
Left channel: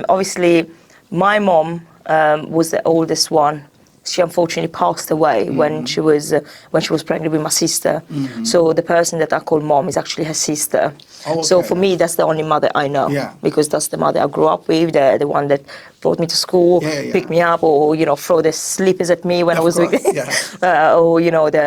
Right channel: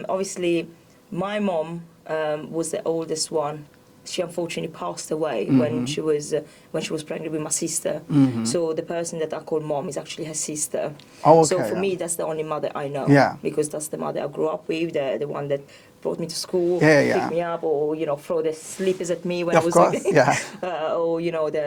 obviously, my mom was the oldest one. She unfortunately passed away when she was pregnant with my sister. So the person that I call mom is actually her sister. Oh, okay, so for me, that's the only mother I know. Yeah. Because that's the mother I grew up with, the one that brought me to school, picked me up, or throw the slippers at me when I was course, like, yeah. or the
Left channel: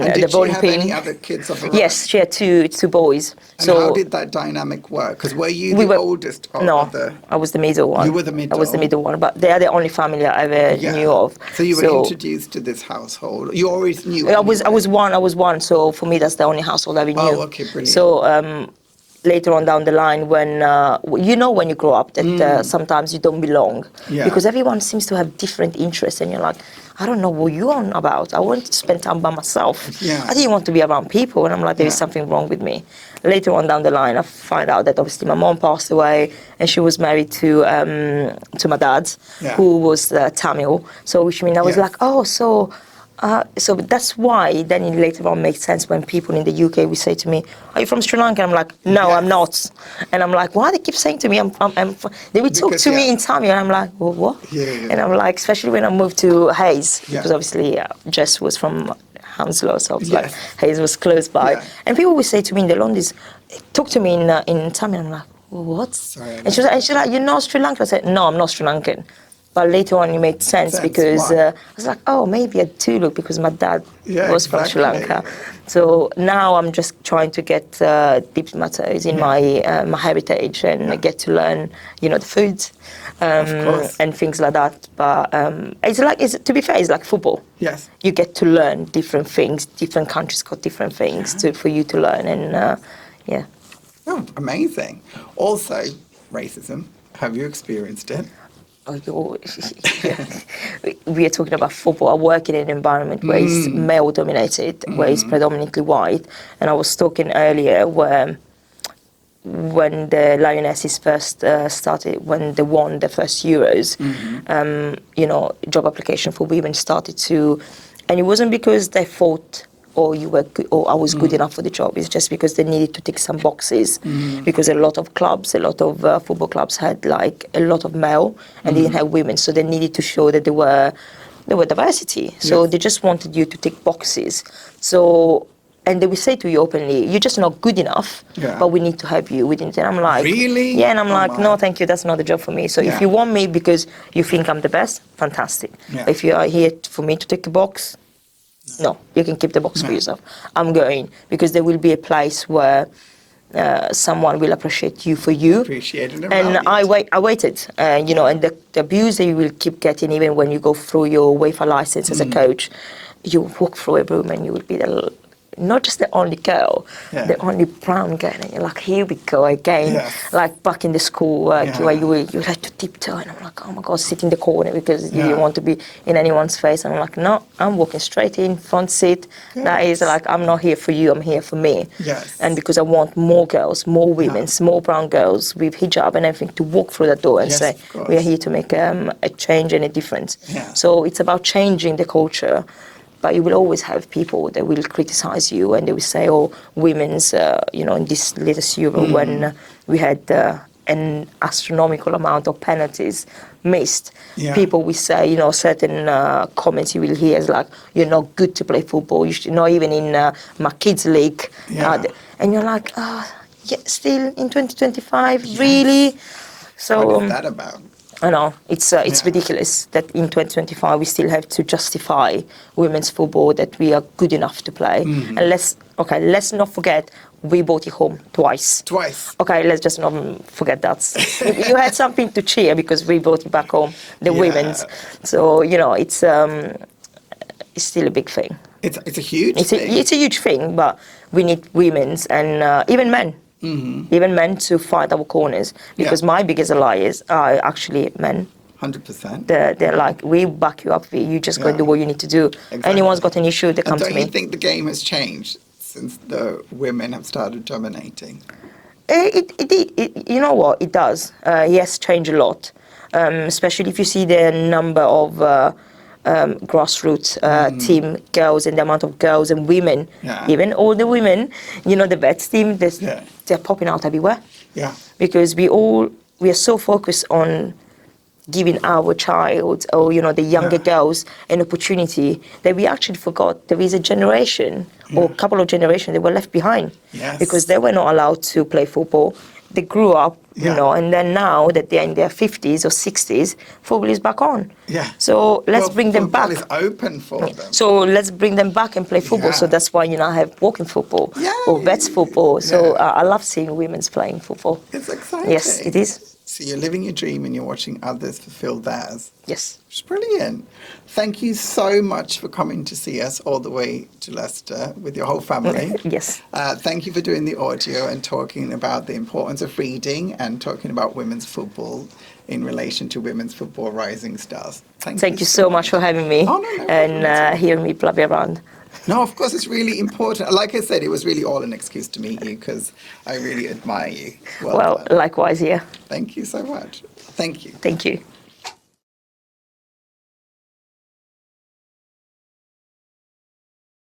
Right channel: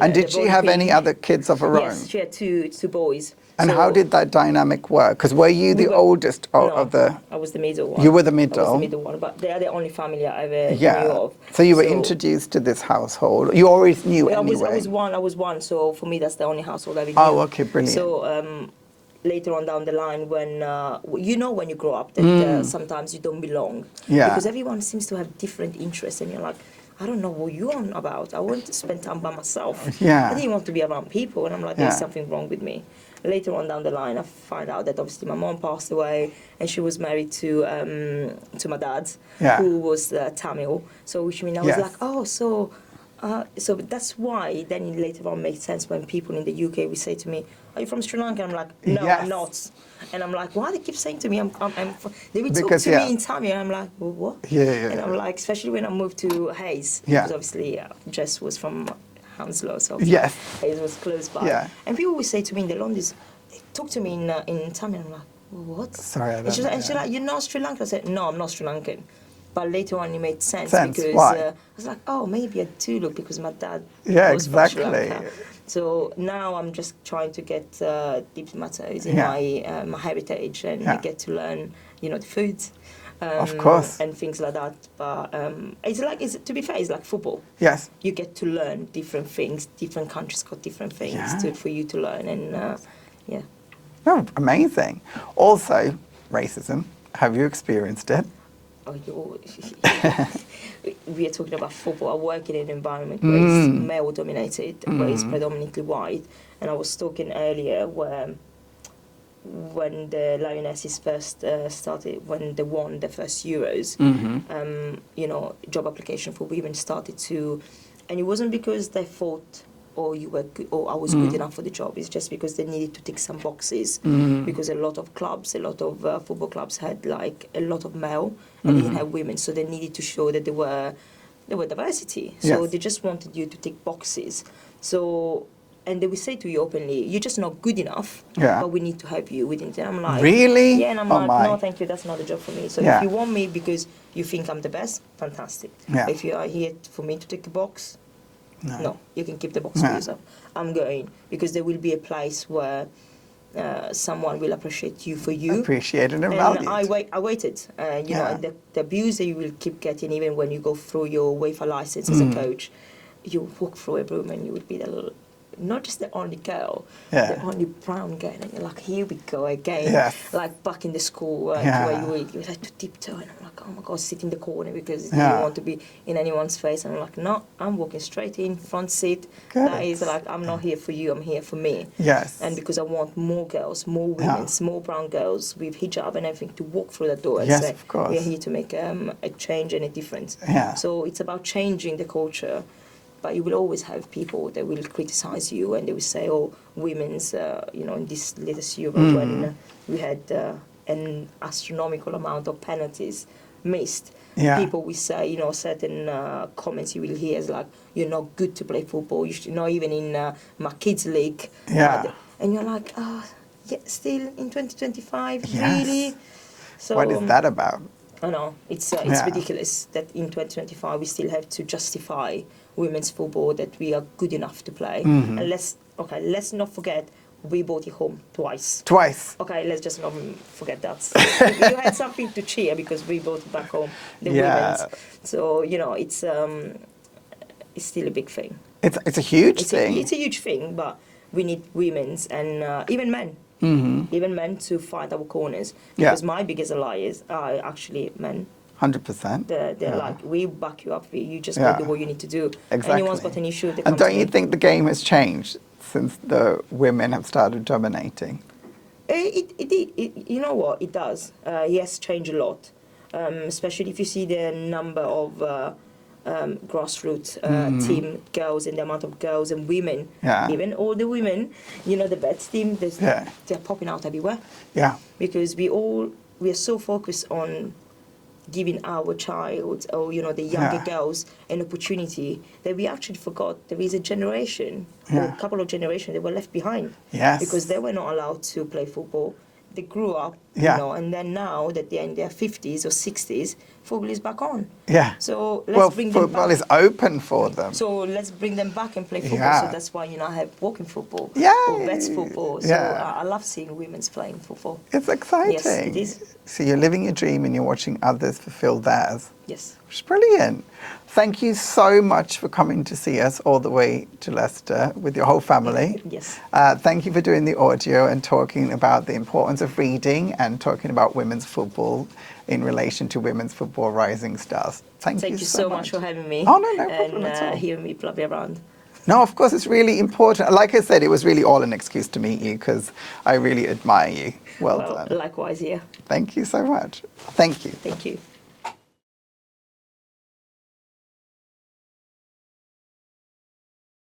And did the she bowling have pin. any other kids of her own? Yes, she had two boys. And so how did that dynamic work? Because were you the oldest of the... I was the middle one. You were the middle? I was the middle one, but they are the only family I ever knew of. So you were introduced to this household. You always knew I anyway. I was one, so for me that's the only household I ever knew. Oh, okay, brilliant. So later on down the line when when you grow up that sometimes you don't belong. Yeah. Because everyone seems to have different interests and you're like, I don't know what you're on about. I want to spend time by myself. Yeah. I didn't want to be around people, and I'm like, there's something wrong with me. Later on down the line, I find out that obviously my mom passed away, and she was married to my dad, who was Tamil. So which means I was like, oh, so that's why then it later on makes sense when people in the UK will say to me, are you from Sri Lanka? And I'm like, no, I'm not. And I'm like, why they keep saying to me, they would talk to me in Tamil, and I'm like, well, what? And I'm like, especially when I moved to Hayes, because obviously Jess was from Hounslow, so I was like, Hayes was close by. And people would say to me in the Londis, talk to me in Tamil, and I'm like, well, what? Sorry. And she's like, you're not Sri Lankan? I said, no, I'm not Sri Lankan. But later on, it made sense because I was like, oh, maybe I do look because my dad was from Sri Lanka. So now I'm just trying to get deep my toes in my my heritage and I get to learn, the food and things like that. But to be fair, it's like football. Yes. You get to learn different things. Different countries got different things for you to learn, and Oh, amazing. Also, racism. Have you experienced it? We are talking about football. I work in an environment where it's male dominated, where it's predominantly white. And I was talking earlier where when the Lionesses first started, when they won the first Euros, job application for women started to, and it wasn't because they thought you were good, or I was good enough for the job. It's just because they needed to tick some boxes. Because a lot of clubs, a lot of football clubs had like a lot of male and they didn't have women, so they needed to show that there were diversity. So they just wanted you to tick boxes. So. And they will say to you openly, you're just not good enough, but we need to help you. And I'm like, really? Yeah, and I'm no, thank you, that's not the job for me. So if you want me because you think I'm the best, fantastic. If you are here for me to tick a box, no, you can keep the box for yourself. I'm going because there will be a place where someone will appreciate you for you. Appreciated and I waited, and the abuse that you will keep getting even when you go through your UEFA license as a coach, you walk through a room and you will be not just the only girl, the only brown girl, and you're like, here we go again. Like back in the school where you like to tiptoe, and I'm like, oh my God, sit in the corner because you don't want to be in anyone's face. And I'm like, no, I'm walking straight in, front seat. That is like, I'm not here for you, I'm here for me. And because I want more girls, more women, more brown girls with hijab and everything to walk through that door and say, we are here to make a change and a difference. So it's about changing the culture. But you will always have people that will criticize you and they will say, oh, women's, in this latest Euro when we had an astronomical amount of penalties missed. People will say, certain comments you will hear is like, you're not good to play football. You should not even in my kids' league. And you're like, still in 2025, really? So what is that about? I know, it's ridiculous that in 2025 we still have to justify women's football that we are good enough to play. And let's not forget we brought it home twice. Okay, let's just not forget that. You had something to cheer because we brought it back home, the women's. So, it's it's still a big thing. It's a huge thing. It's a huge thing, but we need women's and even men. Even men to fight our corners, because my biggest allies are actually men. 100%. They're like, we back you up, you just go and do what you need to do. Exactly. Anyone's got an issue, they come to me. And don't you think the game has changed since the women have started dominating? You know what, it does. Yes, change a lot, especially if you see the number of grassroots team girls and the amount of girls and women, even older women, you know, the vets team, they're popping out everywhere. Yeah. Because we are so focused on giving our child or, you know, the younger girls an opportunity that we actually forgot there is a generation or a couple of generations that were left behind. Yes. Because they were not allowed to play football. They grew up, you know, and then now that they're in their 50s or 60s, football is back on. Yeah. So let's bring them back. Football is open for them. So let's bring them back and play football. Yeah. So that's why, you know, I have walking football or vets football. So I love seeing women's playing football. It's exciting. Yes, it is. So you're living your dream and you're watching others fulfill theirs. Yes. Which is brilliant. Thank you so much for coming to see us all the way to Leicester with your whole family. Yes. Thank you for doing the audio and talking about the importance of reading and talking about women's football in relation to women's football rising stars. Thank you so much for having me and hearing me blabber around. No, of course, it's really important. Like I said, it was really all an excuse to meet you because I really admire you. Well done. Likewise, yeah. Thank you so much. Thank you. Thank you.